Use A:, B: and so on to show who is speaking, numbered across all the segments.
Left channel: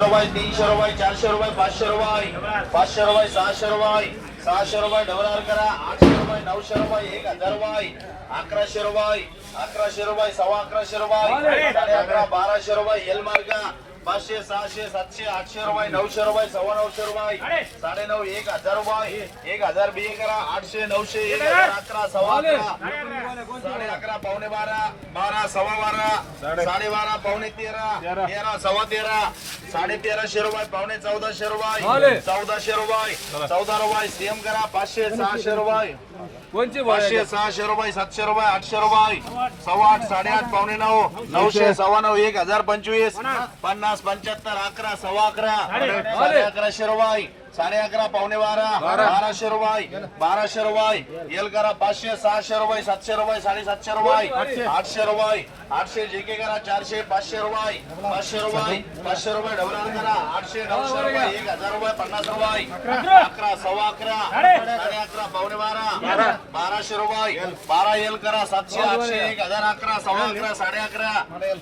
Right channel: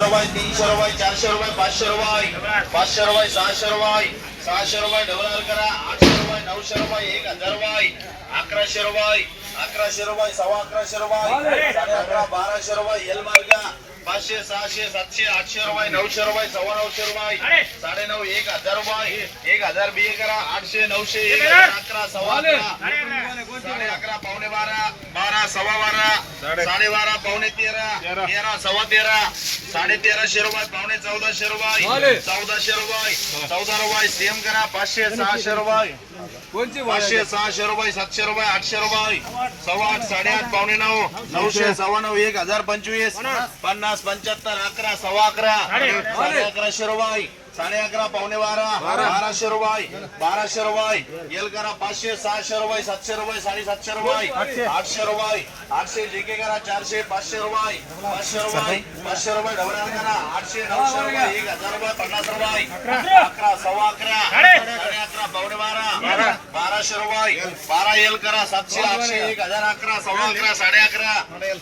A: रुपये तीनशे रुपये चारशे रुपये पाचशे रुपये पाचशे रुपये सहाशे रुपये सहाशे रुपये डबल करा आठशे रुपये नऊशे रुपये एक हजार रुपये अकराशे रुपये अकराशे रुपये सव्वा अकराशे रुपये साडे अकरा बाराशे रुपये एल मार्ग पाचशे सहाशे सातशे आठशे रुपये नऊशे रुपये सव्वा नऊशे रुपये साडे नऊ एक हजार रुपये एक हजार बी करा आठशे नऊशे एक हजार अकरा सव्वा अकरा साडे अकरा! पावणे बारा बारा सव्वा बारा साडे बारा पावणे तेरा. तेरा सव्वा तेरा साडे तेराशे रुपये पावणे चौदाशे रुपये चौदाशे रुपये चौदा रुपये सेम करा पाचशे सहाशे रुपये. पाचशे सहाशे रुपये सातशे रुपये आठशे रुपये. सव्वा आठ साडेआठ पावणे नऊ नऊशे सव्वा नऊ एक हजार पंचवीस पन्नास पंच्याहत्तर अकरा सव्वा अकरा साडे अकराशे रुपये. साडे अकरा पावणे बारा बाराशे रुपये बाराशे रुपये एल करा पाचशे सहाशे रुपये सातशे रुपये साडेसातशे रुपये आठशे रुपये आठशे जेके करा चारशे पाचशे रुपये पाचशे रुपये पाचशे रुपये डबल करा आठशे नऊशे रुपये एक हजार रुपये पन्नास रुपये अकरा सव्वा अकरा साडे अकरा पावणे बाराशे रुपये बारा एल करा सातशे आठशे एक हजार अकरा सव्वा अकरा साडे अकरा.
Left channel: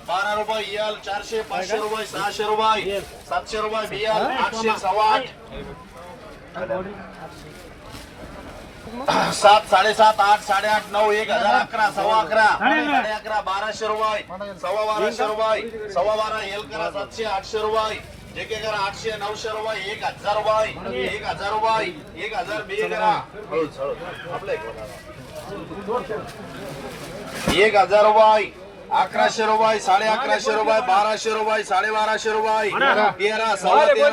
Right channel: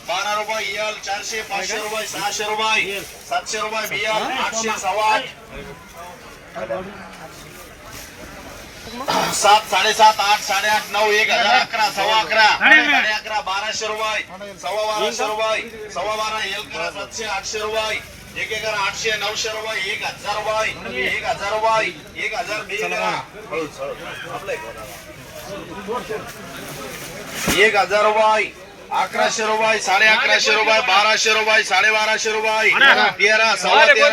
A: बारा रुपये एल चारशे पाचशे रुपये सहाशे रुपये सातशे रुपये बिएल आठशे सव्वा आठ. सात साडेसात आठ साडेआठ नऊ एक हजार अकरा सव्वा अकरा. साडे अकरा बाराशे रुपये. सव्वा बाराशे रुपये. सव्वा बारा एल करा सातशे आठशे रुपये. एक एक करा आठशे नऊशे रुपये एक हजार रुपये एक हजार रुपये एक हजार बी. आपलं. एक हजार रुपये अकराशे रुपये साडे अकराशे रुपये बाराशे रुपये साडे बाराशे रुपये. तेरा सव्वा तेरा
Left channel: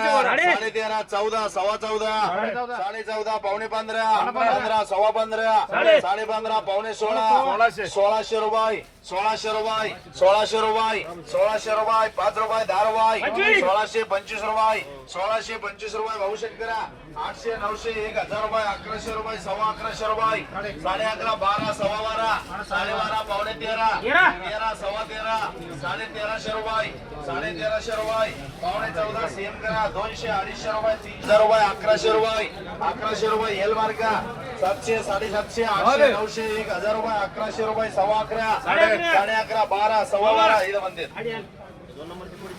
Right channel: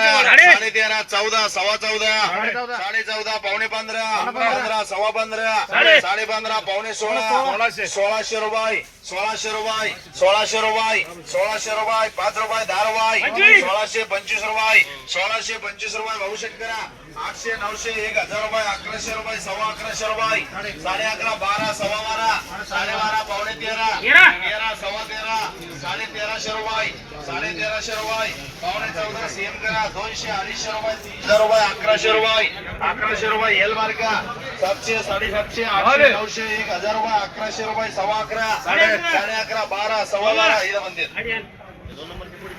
A: साडे तेरा चौदा सव्वा चौदा. साडे चौदा. पावणे पंधरा. पंधरा. सव्वा पंधरा. साडे. पंधरा पावणे सोळा. सोळाशे रुपये. सोळाशे रुपये सोळाशे रुपये सोळाशे रुपये पाच रुपये दहा रुपये सोळाशे पंचवीस रुपये सोळाशे पंचवीस रुपये भाऊ करा आठशे नऊशे एक हजार रुपये अकराशे रुपये सव्वा अकराशे रुपये साडे अकरा बारा सव्वा बारा साडे बारा पावणे तेरा तेरा! सव्वा तेरा साडे तेराशे रुपये साडे तेराशे रुपये पावणे चौदा सेम करा दोनशे अडीचशे रुपये तीनशे रुपये अकराशे रुपये अकराशे रुपये एल मार्का सातशे साडेसातशे आठशे नऊशे एक हजार रुपये अकराशे रुपये सव्वा अकरा साडे अकरा! बारा सव्वा बारा इथं म्हणते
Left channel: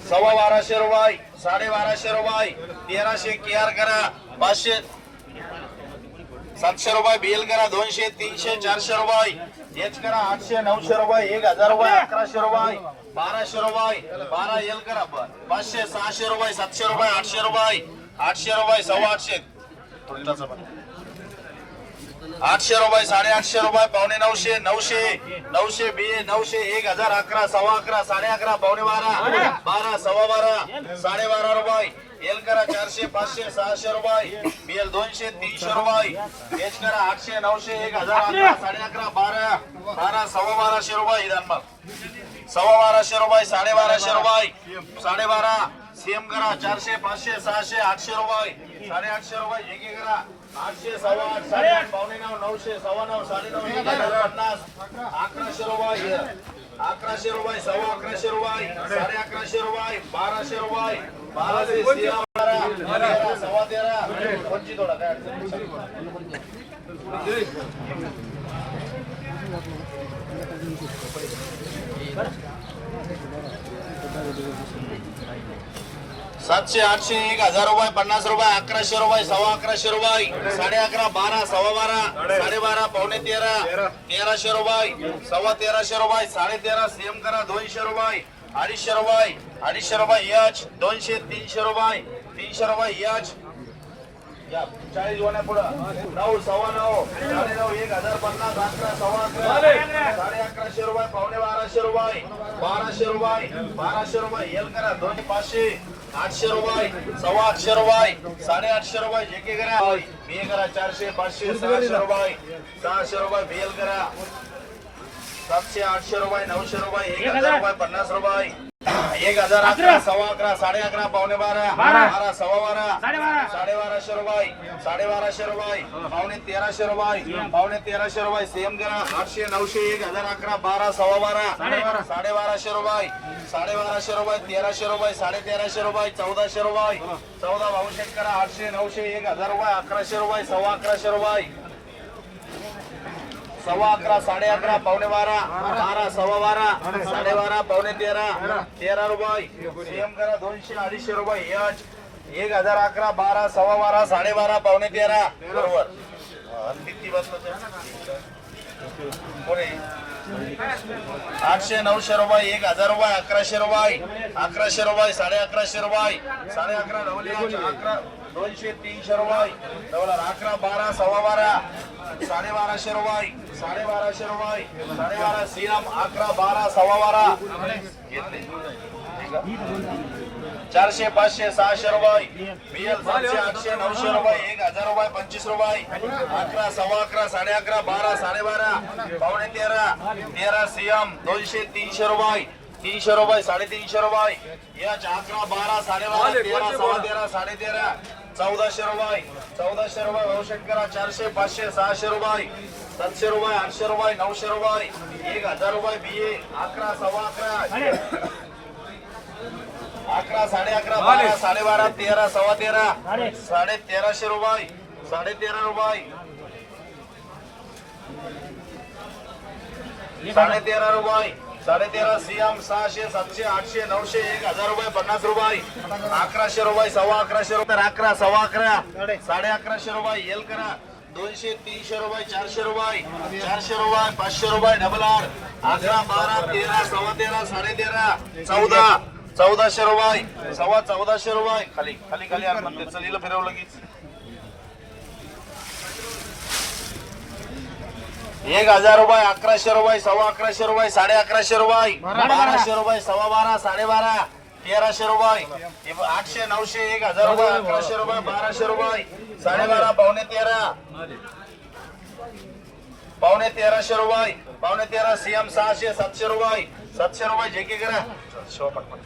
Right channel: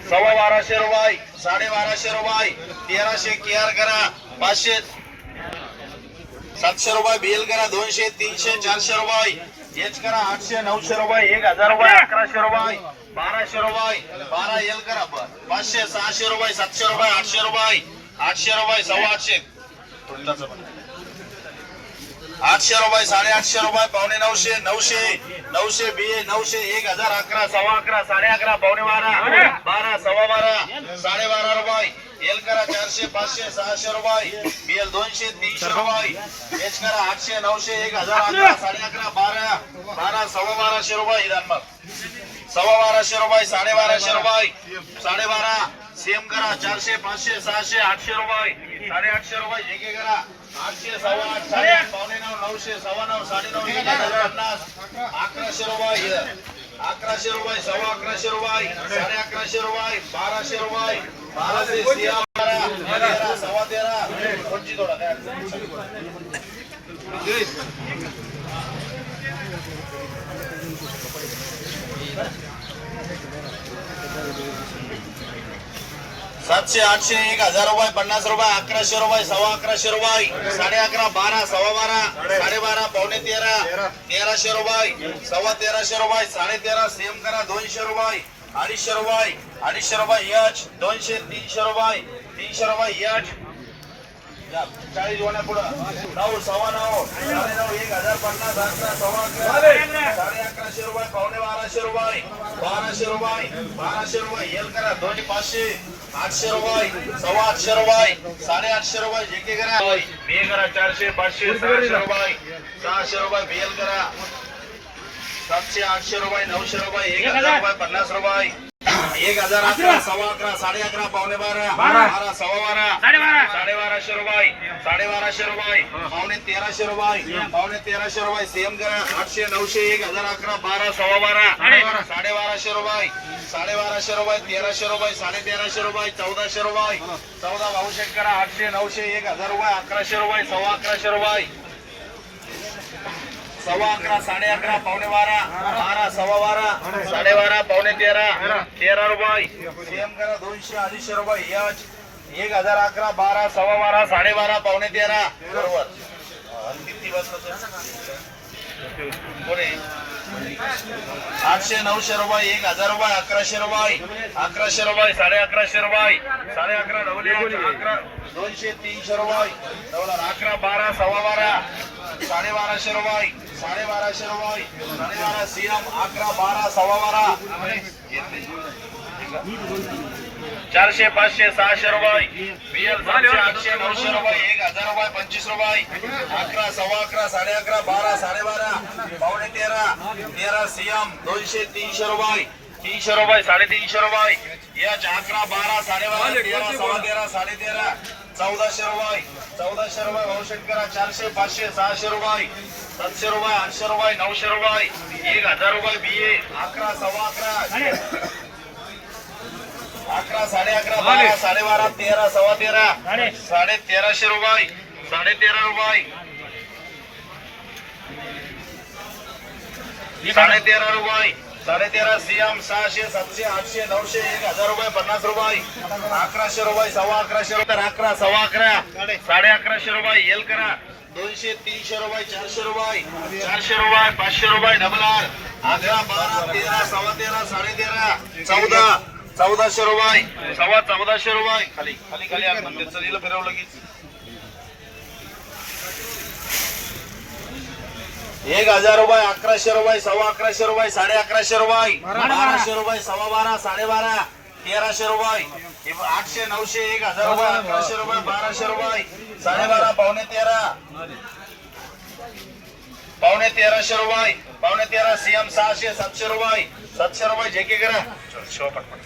A: सव्वा बाराशे रुपये साडे बाराशे रुपये तेराशे केआर करा पाचशे सातशे रुपये बिल करा दोनशे तीनशे चारशे रुपये एच करा आठशे नऊशे रुपये एक हजार रुपये अकराशे रुपये बाराशे रुपये बारा एल करा पाचशे सहाशे रुपये सातशे रुपये आठशे रुपये आठशे रुपये सव्वा आठशे. आठशे रुपये साडे आठशे रुपये पावणे नऊशे नऊशे नऊशे बी नऊशे एक हजार अकरा सव्वा अकरा साडे अकरा पावणे बारा बारा सव्वा बारा साडे बारा रुपये. एल करा चारशे पाचशे सहाशे रुपये. बीएल दोनशे तीनशे रुपये. एच करा आठशे नऊशे एक हजार अकरा साडे अकरा बारा बारा सव्वा बाराशे रुपये इधान सव्वा बाराशे रुपये साडे बाराशे रुपये. साडे बारा सेम करा चारशे पाचशे सहाशे आठशे रुपये साडे आठशे रुपये जे के करा आठशे सव्वा आठ साडे आठ पावणे नऊ नऊशे सव्वा नऊ साडे नऊ एक हजार पन्नास अकराशे रुपये अकराशे रुपये सव्वा अकराशे रुपये साडे अकराशे रुपये बाराशे रुपये बाराशे तेरा बारा तेरा सव्वा तेरा कोणची सातशे आठशे एक हजार रुपये पन्नास रुपये अकराशे रुपये सव्वा अकराशे रुपये साडे अकरा बारा सव्वा बारा साडे बारा पावणे तेरा तेराशे रुपये सव्वा तेराशे रुपये साडे तेरा सेम करा दोनशे रुपये अडीचशे रुपये अडीचशे रुपये यच दोनशे तीनशे रुपये तीनशे रुपये यच. चाळीस होण्या पुढं. नऊ सव्वा नऊ साडे नऊ एक हजार पन्नास अकरा सव्वा अकरा साडे अकराशे रुपये पावणे बाराशे रुपये बाराशे रुपये बाराशे रुपये येल करा दोन्ही पाचशे. आठशे रुपये सव्वा आठशे रुपये साडे आठशे रुपये जे के करा. बी करा चारशे पाचशे सहाशे रुपये सहाशे रुपये बेल करा. सातशे आठशे रुपये नऊशे रुपये एक हजार रुपये पन्नास रुपये. एक हजार अकरा सव्वा अकरा साडे अकरा पावणे बारा. बारा. सव्वा बारा. साडे बाराशे रुपये. साडे बाराशे रुपये. पावणे तेराशे रुपये. पावणे तेराशे रुपये. सेम करा. आठशे नऊशे एक हजार अकरा बारा सव्वा बारा. साडे बाराशे रुपये. साडे बाराशे रुपये तेराशे रुपये साडे तेराशे रुपये चौदाशे रुपये. चौदा भाऊशे करा आठशे नऊशे एक हजार रुपये अकराशे रुपये सव्वा अकराशे रुपये. सव्वा अकरा साडे अकरा पावणे बारा बारा सव्वा बारा साडे बारा पावणे तेरा तेरा रुपये. सीएम करा दोनशे अडीचशे रुपये. एक हजार अकरा बारा सव्वा बारा साडे बारा पावणे तेरा. बरोबर. किती बसलं कोणी आठशे नऊशे रुपये एक हजार रुपये अकराशे रुपये अकराशे रुपये साडे अकराशे रुपये साडे अकरा डबल अकरा दोनशे तीनशे रुपये डबल अकरा बारा सव्वा बारा साडे बाराशे रुपये साडे बाराशे रुपये साडे बारा सीएम अकरा बारा सव्वा बारा. चारशे पाचशे सहाशे रुपये. बीएल सातशे आठशे नऊशे रुपये. एक हजार रुपये पंचवीस रुपये. अकरा सव्वा अकरा साडे अकरा बारा साडेबारा पावणे तेरा तेरा सीएम दोनशे तीनशे रुपये. तीनशे रुपये साडेतीनशे रुपये. याच अकरा बारा साडेबारा तेरा सव्वा तेरा साडे तेरा. चौदाशे रुपये. चौदाशे रुपये भविष्य करा चारशे पाचशे सहाशे रुपये. सातशे रुपये आठशे रुपये नऊशे रुपये. एक हजार रुपये बीए अकरा सव्वा अकरा. अकरा साडे अकरा बारा साडेबारा तेरा सव्वा तेरा. साडे तेराशे रुपये. साडे तेरा रुपये. साडे तेरा रुपये. साडे तेरा सीएम सहाशे सातशे आठशे नऊशे एक हजार रुपये पन्नास रुपये. अकराशे रुपये सव्वा अकराशे रुपये अकरा सव्वा अकरा. साडे. अकराशे रुपये येल करा. दोनशे तीनशे रुपये चारशे रुपये. चारशे रुपये पाचशे रुपये डबल आर अकरा बारा तेरा सव्वा तेरा साडे तेरा चौदा. चौदाशे रुपये. सव्वा चौदाशे रुपये. खाली खाली खाली मंदिर. मग फिरव लगेच. एक हजार रुपये अकराशे रुपये सव्वा अकराशे रुपये साडे अकराशे रुपये. बाराशे रुपये सव्वा बारा साडे बारा तेराशे रुपये. आठशे नऊशे एक हजार रुपये अकराशे रुपये बाराशे रुपये. साडेबारा पावणे तेरा. पावणे तेराशे रुपये. पावणे तेरा सीएम सहाशे सातशे रुपये. सातशे रुपये जे के करा. शो पटपट